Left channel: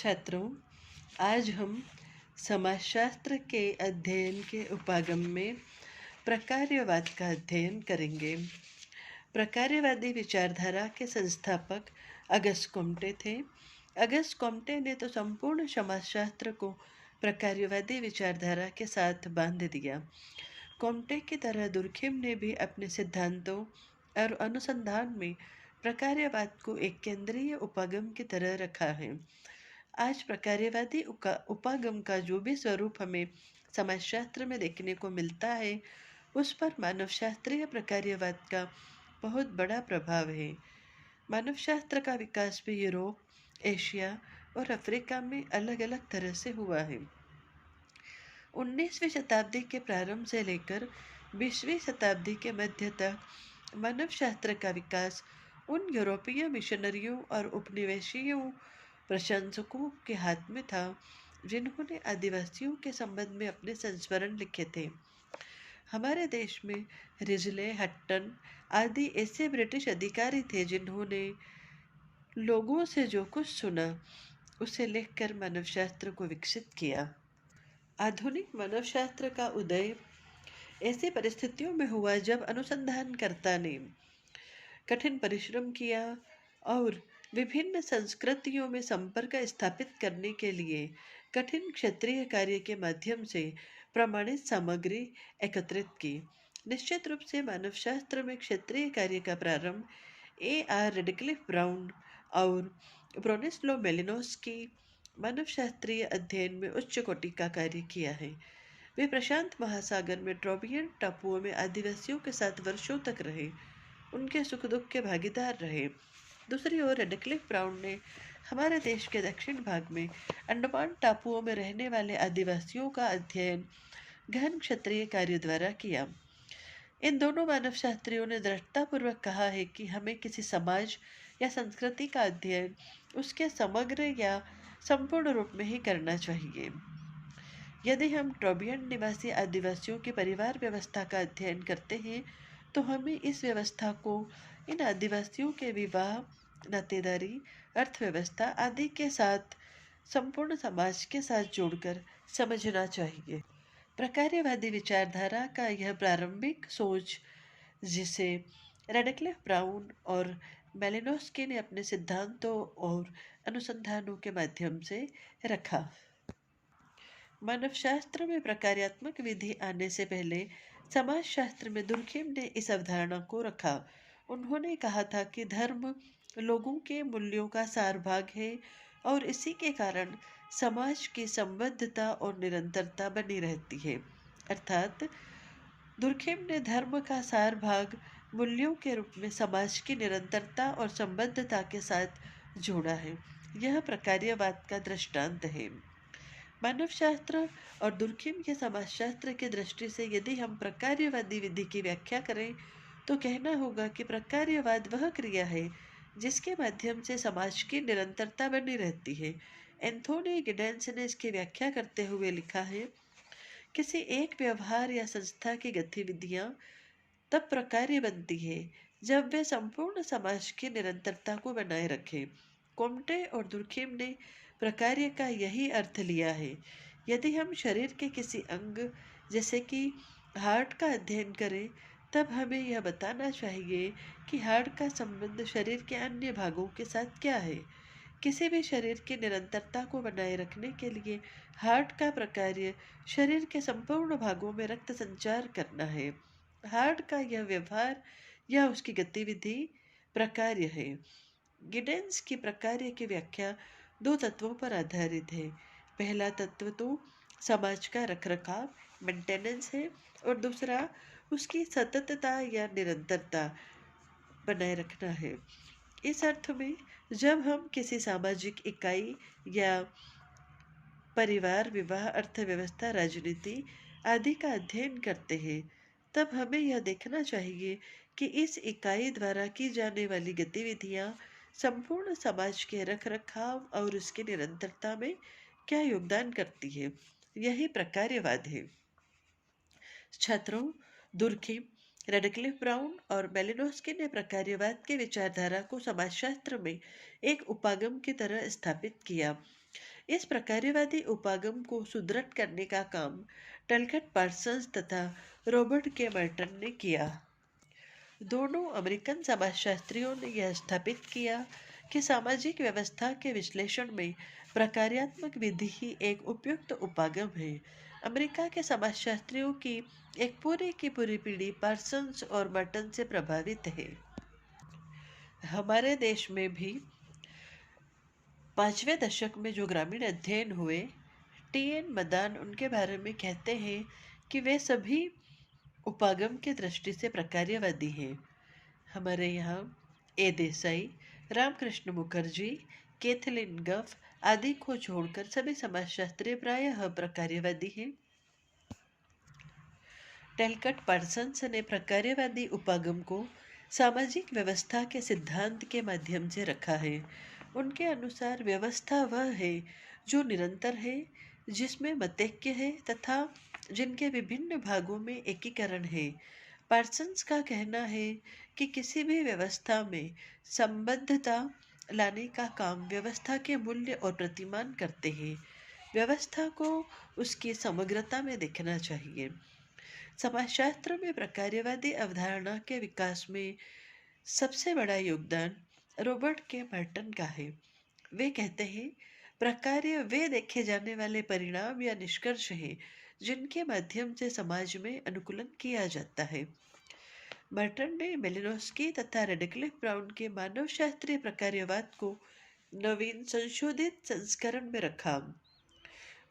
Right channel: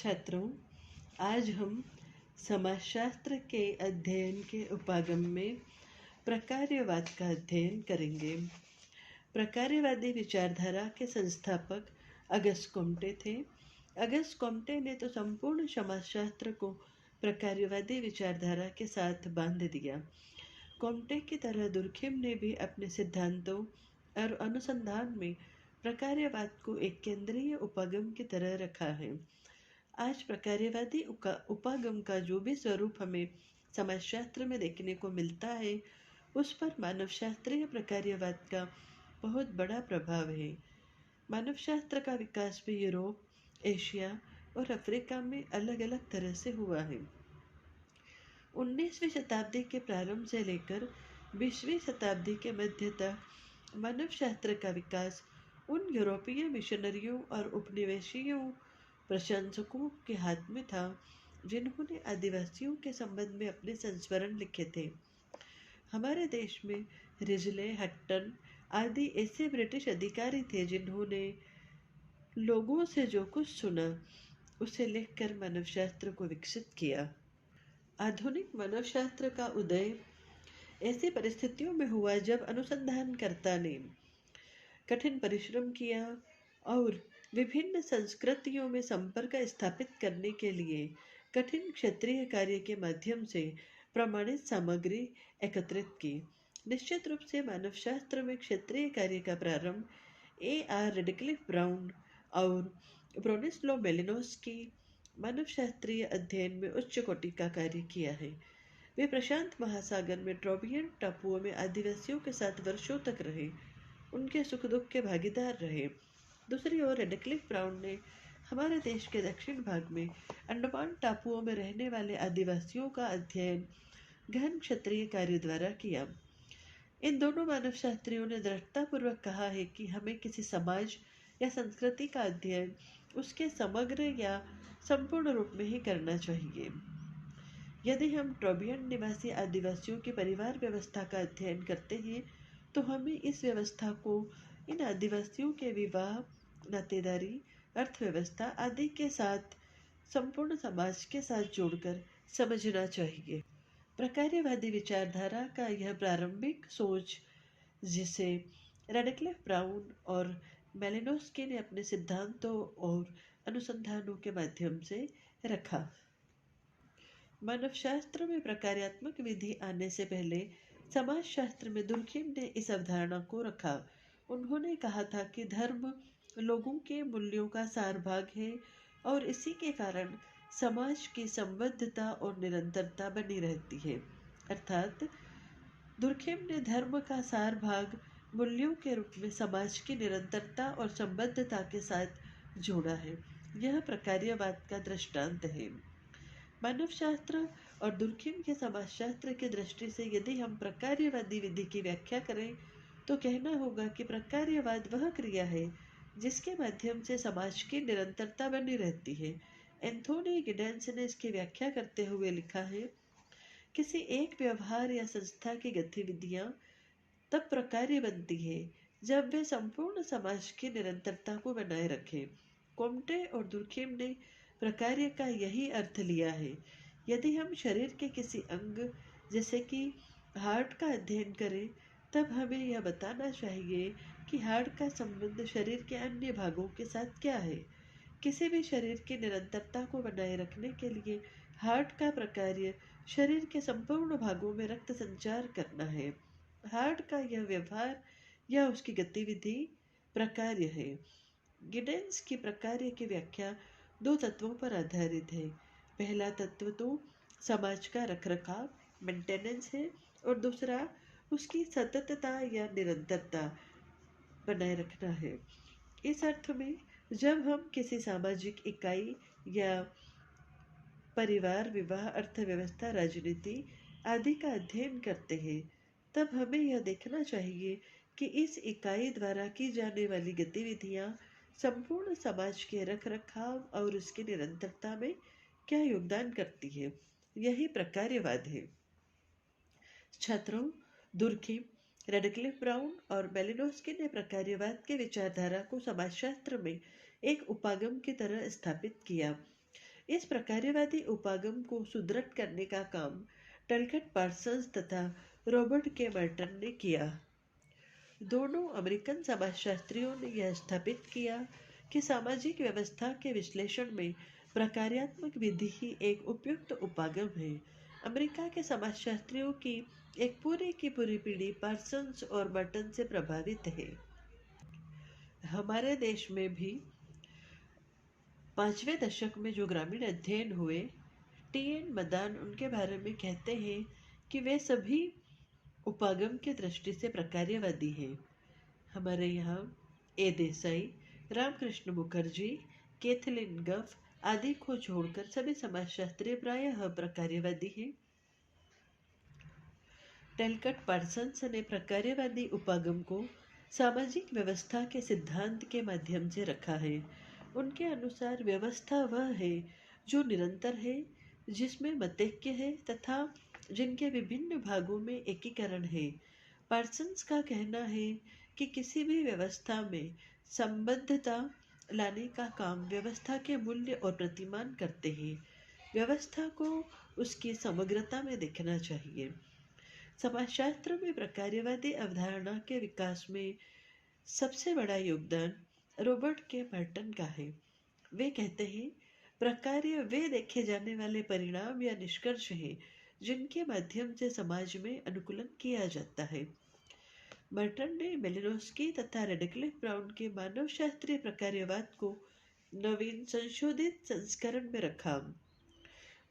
छात्रों, आज हम समाजशास्त्र के अध्ययन के उपागम में प्रकार्यवाद का अध्ययन करेंगे। प्रकार्यवादी विचारधारा के संस्थापक अगस्त कोम्टे थे। अगस्त कोम्टे ने तो संपूर्ण समाजशास्त्र को प्रकार्यवादी विचारधारा के साथ बांध दिया। कोम्टे की तरह दुर्खिम ने भी अपने सिद्धांतों और अनुसंधान में प्रकार्यवाद को एक केंद्रीय उपागम की तरह रखा है। आज प्रकार्यवादी उपागम का जो भी स्वरूप हमें समाजशास्त्र में देखने को मिलता है, उस पर मानवशास्त्रीय प्रकार्यवाद का बहुत बड़ा प्रभाव है। मानवशास्त्र का विकास भी यूरोप, एशिया और अफ्रीका में अलग अलग तरह से हुआ है। 19वीं शताब्दी के प्रारंभ से लेकर 20वीं शताब्दी के मध्य तक मानवशास्त्र का विकास उन यूरोपीय मिशनरियों और उपनिवेशियों प्रशंसकों के हाथ में था जिन्होंने आदिवासियों के संबंध में अपने संस्मरण लिखे थे। हमारे देश में रिजले, हट्टन आदि ऐसे ब्रिटिश अधिकारी थे जिन्होंने लोगों से जो कुछ सुना उसे लिखकर मानवशास्त्र को विकसित किया। आधुनिक मानवशास्त्र का उदय ऐसी परिस्थितियों में हुआ जब अनुसंधानकर्ता ने कठिन परिश्रम किया और विभिन्न संस्कृतियों में संपर्क स्थापित करने के लिए कठिन क्षेत्रीय कार्य के माध्यम से प्रमाणित सामग्री एकत्रित की। निश्चित रूप से मानवशास्त्र में क्षेत्रीय कार्य का प्रारंभ A.R. रेडक्लिफ ब्राउन और ब्रोनिस्लो मेलिनोस्की मानवशास्त्रीय अध्ययन में उच्च कोटि का कार्य किया है। वे प्रशांत महासागर में ट्रोबियन टापुओं में आदिवासियों के साथ वर्षों तक रहे, उनके सुख दुख के भागीदार रहे। दूसरी ओर रेडक्लिफ ब्राउन ने हमारे देश के दक्षिण भाग में अंडमान टापुओं में रहने वाले आदिवासियों का अध्ययन गहन क्षेत्रीय कार्य द्वारा किया। इन दोनों मानवशास्त्रियों ने दृढ़तापूर्वक कहा है कि हमें किसी समाज या संस्कृति का अध्ययन उसके समग्र या संपूर्ण रूप में ही करना चाहिए। यदि हम ट्रोबियन निवासी आदिवासियों की परिवार व्यवस्था का अध्ययन करते हैं तो हमें इस व्यवस्था को इन आदिवासियों के विवाह, नातेदारी, अर्थव्यवस्था आदि के साथ संपूर्ण समाज के साथ जोड़कर समझना चाहिए। प्रकार्यवादी विचारधारा का यह प्रारंभिक सोच, जिसे रेडक्लिफ ब्राउन और मेलिनोस्की ने अपने सिद्धांतों और अनुसंधानों के माध्यम से रखा। मानवशास्त्र में प्रकार्यात्मक विधि आने से पहले समाजशास्त्र में दुर्खिम ने इस अवधारणा को रखा। उन्होंने कहा था कि धर्म लोगों के मूल्यों का सारभाग है और इसी के कारण समाज की संबद्धता और निरंतरता बनी रहती है। अर्थात दुर्खिम ने धर्म का सार भाग मूल्यों के रूप में समाज की निरंतरता और संबद्धता के साथ जोड़ा है। यह प्रकार्यवाद का दृष्टांत है। मानवशास्त्र और दुर्खिम के समाजशास्त्र की दृष्टि से यदि हम प्रकार्यवादी विधि की व्याख्या करें तो कहना होगा कि प्रकार्यवाद वह क्रिया है जिसके माध्यम से समाज की निरंतरता बनी रहती है। एंथोनी गिडेंस ने इसकी व्याख्या करते हुए लिखा है, किसी एक व्यवहार या संस्था की गतिविधियां तब प्रकार्य बनती है जब वे संपूर्ण समाज की निरंतरता को बनाए रखें। कोम्टे और दुर्खिम ने प्रकार्य का यही अर्थ लिया है। यदि हम शरीर के किसी अंग जैसे कि हार्ट का अध्ययन करें तब हमें यह बताना चाहिए कि हार्ट का संबंध शरीर के अन्य भागों के साथ क्या है। किसी भी शरीर की निरंतरता को बनाए रखने के लिए हार्ट का प्रकार्य शरीर के संपूर्ण भागों में रक्त संचार करना है। हार्ट का यह व्यवहार या उसकी गतिविधि प्रकार्य है। गिडेंस की प्रकार्य की व्याख्या दो तत्वों पर आधारित है। पहला तत्व तो समाज का रखरखाव, मेंटेनेंस है, और दूसरा उसकी सततता या निरंतरता बनाए रखना है। इस अर्थ में जब हम किसी सामाजिक इकाई या परिवार, विवाह, अर्थव्यवस्था, राजनीति आदि का अध्ययन करते हैं तब हमें यह देखना चाहिए कि इस इकाई द्वारा की जाने वाली गतिविधियां संपूर्ण समाज के रखरखाव और उसकी निरंतरता में क्या योगदान करती है। यही प्रकार्यवाद है। छात्रों, दुर्खिम, रेडक्लिफ ब्राउन और मेलिनोस्की ने प्रकार्यवाद की विचारधारा को समाजशास्त्र में एक उपागम की तरह स्थापित किया। इस प्रकार्यवादी उपागम को सुदृढ़ करने का काम टलकट पार्सन्स तथा रॉबर्ट के मर्टन ने किया। दोनों अमेरिकन समाजशास्त्रियों ने यह स्थापित किया कि सामाजिक व्यवस्था के विश्लेषण में प्रकार्यात्मक विधि ही एक उपयुक्त उपागम है। अमेरिका के समाजशास्त्रियों की एक पूरी की पूरी पीढ़ी पार्सन्स और मर्टन से प्रभावित है। हमारे देश में भी 5वें दशक में जो ग्रामीण अध्ययन हुए, टी.एन. मदान उनके बारे में कहते हैं कि वे सभी उपागम की दृष्टि से प्रकार्यवादी हैं। हमारे यहाँ ए देसाई, रामकृष्ण मुखर्जी, कैथलीन गफ आदि को छोड़कर सभी समाजशास्त्री प्रायः प्रकार्यवादी हैं। टलकट पार्सन्स ने प्रकार्यवादी उपागम को सामाजिक व्यवस्था के सिद्धांत के माध्यम से रखा है। उनके अनुसार व्यवस्था वह है जो निरंतर है, जिसमें मतैक्य है तथा जिनके विभिन्न भागों में एकीकरण है। पार्सन्स का कहना है कि किसी भी व्यवस्था में संबद्धता लाने का काम व्यवस्था के मूल्य और प्रतिमान करते हैं। व्यवस्था को उसकी समग्रता में देखना चाहिए। समाजशास्त्र में प्रकार्यवादी अवधारणा के विकास में सबसे बड़ा योगदान रॉबर्ट के मर्टन का है। वे कहते हैं, प्रकार्य वे देखे जाने वाले परिणाम या निष्कर्ष हैं जिनके माध्यम से समाज में अनुकूलन किया जाता है। मर्टन ने मेलिनोस्की तथा रेडक्लिफ ब्राउन के मानवशास्त्रीय प्रकार्यवाद को नवीन संशोधित संस्करण में रखा।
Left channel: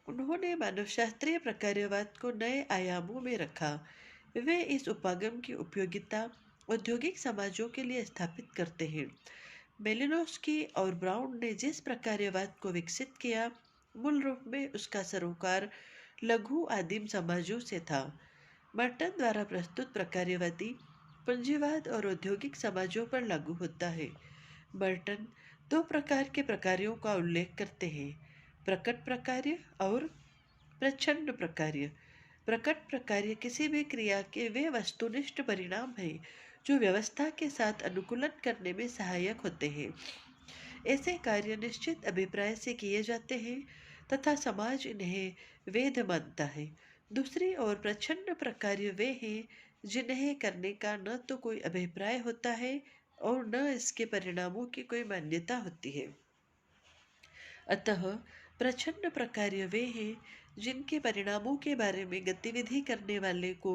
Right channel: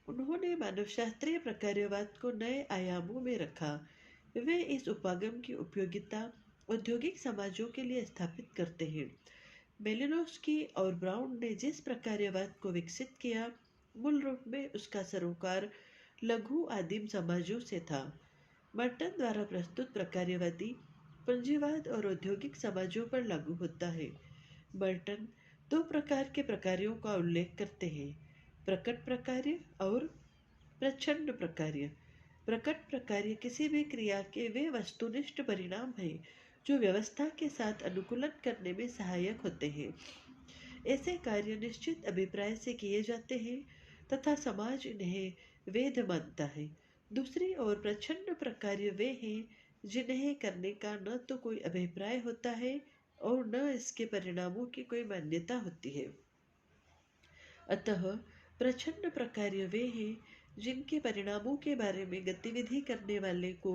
उन्होंने मानवशास्त्रीय प्रकार्यवाद को नए आयामों में रखा। वे इस उपागम की उपयोगिता औद्योगिक समाजों के लिए स्थापित करते हैं। मेलिनोस्की और ब्राउन ने जिस प्रकार्यवाद को विकसित किया, मूल रूप में उसका सरोकार लघु आदिम समाजों से था। मर्टन द्वारा प्रस्तुत प्रकार्यवादी पूंजीवाद और औद्योगिक समाजों पर लागू होता है। मर्टन 2 प्रकार के प्रकार्यों का उल्लेख करते हैं, प्रकट प्रकार्य और प्रच्छन्न प्रकार्य। प्रकट प्रकार्य किसी भी क्रिया के वे वस्तुनिष्ठ परिणाम हैं जो व्यवस्था के साथ अनुकूलन करने में सहायक होते हैं। ऐसे कार्य निश्चित अभिप्राय से किए जाते हैं तथा समाज इन्हें वेद मानता है। दूसरी ओर प्रच्छन्न प्रकार्य वे हैं जिन्हें करने का न तो कोई अभिप्राय होता है और न इसके परिणामों की कोई मान्यता होती है। अतः प्रच्छन्न प्रकार्य वे हैं जिनके परिणामों के बारे में गतिविधि करने वाले को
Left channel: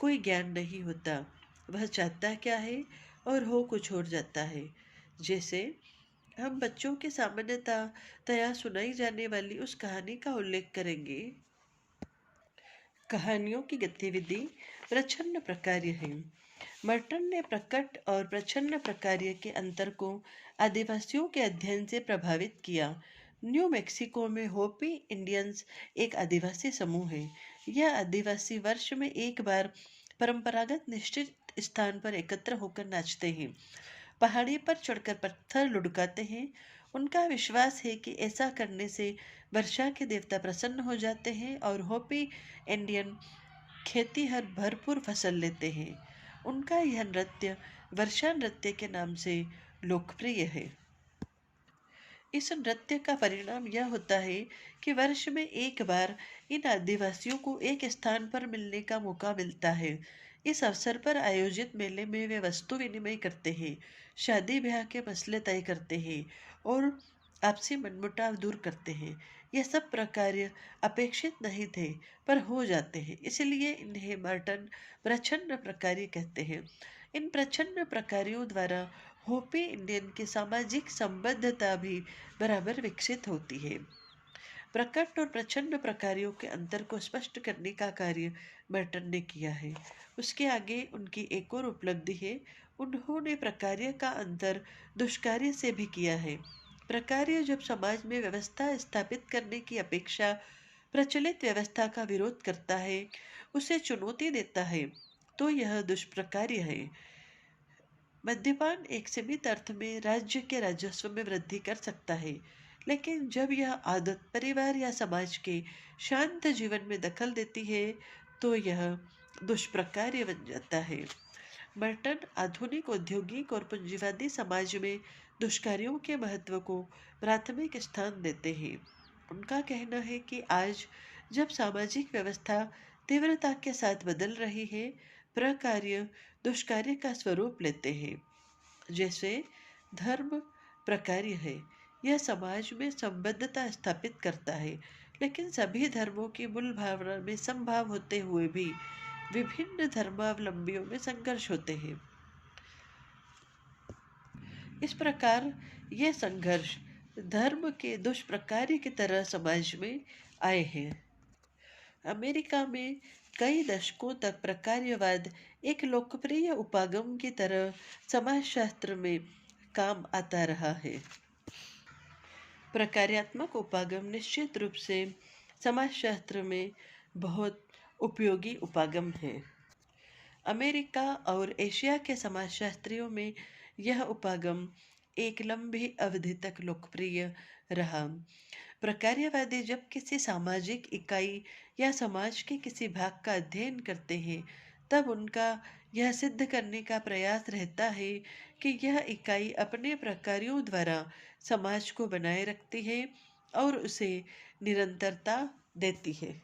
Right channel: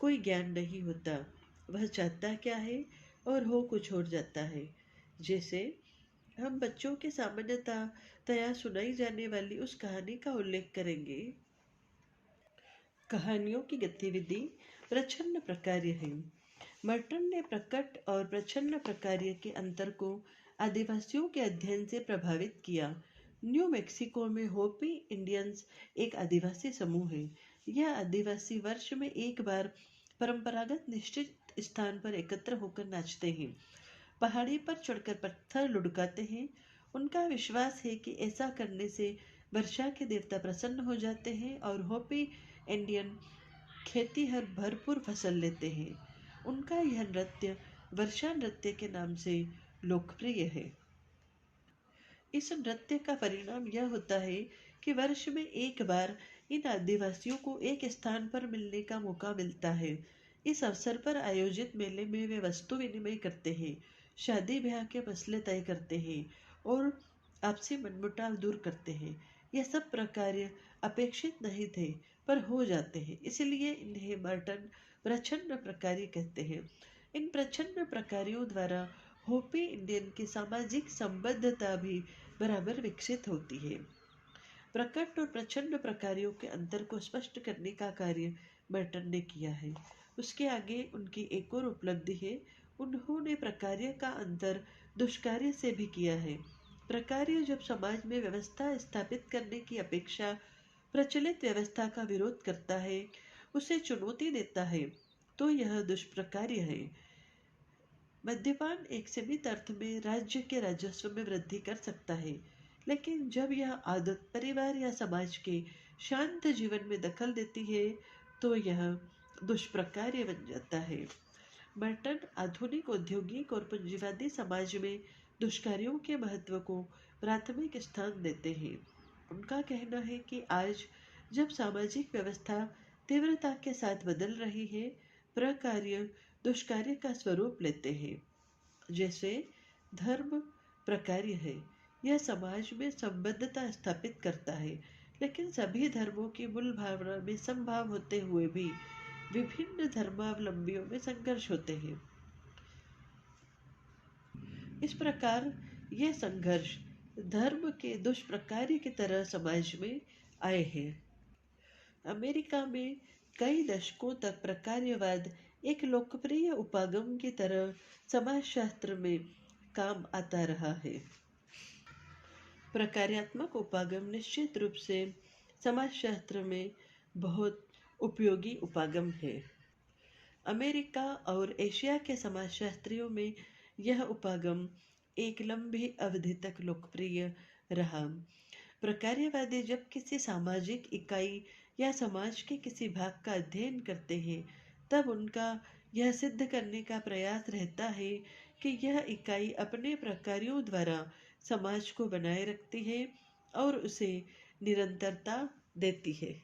कोई ज्ञान नहीं होता। वह चाहता क्या है और हो कुछ और जाता है। जैसे हम बच्चों के सामान्यतया सुनाई जाने वाली उस कहानी का उल्लेख करेंगे। कहानियों की गतिविधि प्रच्छन्न प्रकार्य है। मर्टन ने प्रकट और प्रच्छन्न प्रकार्य के अंतर को आदिवासियों के अध्ययन से प्रभावित किया। न्यू मैक्सिको में होपी इंडियंस एक आदिवासी समूह है। यह आदिवासी वर्ष में एक बार परंपरागत निश्चित स्थान पर एकत्र होकर नाचते हैं, पहाड़ी पर चढ़कर पत्थर लुढ़काते हैं। उनका विश्वास है कि ऐसा करने से वर्षा के देवता प्रसन्न हो जाते हैं और होपी इंडियन खेती हर भरपूर फसल लेते हैं। उनका यह नृत्य वर्षा नृत्य के नाम से लोकप्रिय है। इस नृत्य का परिणाम यह होता है कि वर्ष में एक बार इन आदिवासियों को एक स्थान पर मिलने का मौका मिलता है। इस अवसर पर आयोजित मेले में वे वस्तु विनिमय करते हैं, शादी ब्याह के मसले तय करते हैं और आपसी मनमुटाव दूर करते हैं। यह सब प्रकार्य अपेक्षित नहीं थे पर हो जाते हैं, इसलिए इन्हें मर्टन प्रच्छन्न प्रकार्य कहते हैं। इन प्रच्छन्न प्रकार्यों द्वारा होपी इंडियन की सामाजिक संबद्धता भी बराबर विकसित होती है। प्रकट और प्रच्छन्न प्रकार्यों के अंतर को स्पष्ट करने का कार्य मर्टन ने किया है। उसके आगे उनकी एक और उपलब्धि है, उन्होंने प्रकार्य का अंतर दुष्कार्य से भी किया है। प्रकार्य जब समाज में व्यवस्था स्थापित करने की अपेक्षा प्रचलित व्यवस्था का विरोध करता है, उसे चुनौती देता है, तो यह दुष्प्रकार्य है। मद्यपान एक सीमित अर्थ में राज्य के राजस्व में वृद्धि कर सकता है, लेकिन जब यह आदत परिवार या समाज के शांत जीवन में दखल देती है तो यह दुष्प्रकार्य बन जाता है। मर्टन आधुनिक औद्योगिक और पूंजीवादी समाज में दुष्कार्यों के महत्व को प्राथमिक स्थान देते हैं। उनका कहना है कि आज जब सामाजिक व्यवस्था तीव्रता के साथ बदल रही है, प्रकार्य दुष्कार्य का स्वरूप लेते हैं। जैसे धर्म प्रकार्य है, यह समाज में संबद्धता स्थापित करता है, लेकिन सभी धर्मों की मूल भावना में समभाव होते हुए भी विभिन्न धर्मावलंबियों में संघर्ष होते हैं। इस प्रकार ये संघर्ष धर्म के दुष्प्रकार्य की तरह समाज में आए हैं। अमेरिका में कई दशकों तक प्रकार्यवाद एक लोकप्रिय उपागम की तरह समाजशास्त्र में काम आता रहा है। प्रकार्यात्मक उपागम निश्चित रूप से समाजशास्त्र में बहुत उपयोगी उपागम है। अमेरिका और एशिया के समाजशास्त्रियों में यह उपागम एक लंबी अवधि तक लोकप्रिय रहा। प्रकार्यवादी जब किसी सामाजिक इकाई या समाज के किसी भाग का अध्ययन करते हैं, तब उनका यह सिद्ध करने का प्रयास रहता है कि यह इकाई अपने प्रकारों द्वारा समाज को बनाए रखती है और उसे निरंतरता देती है।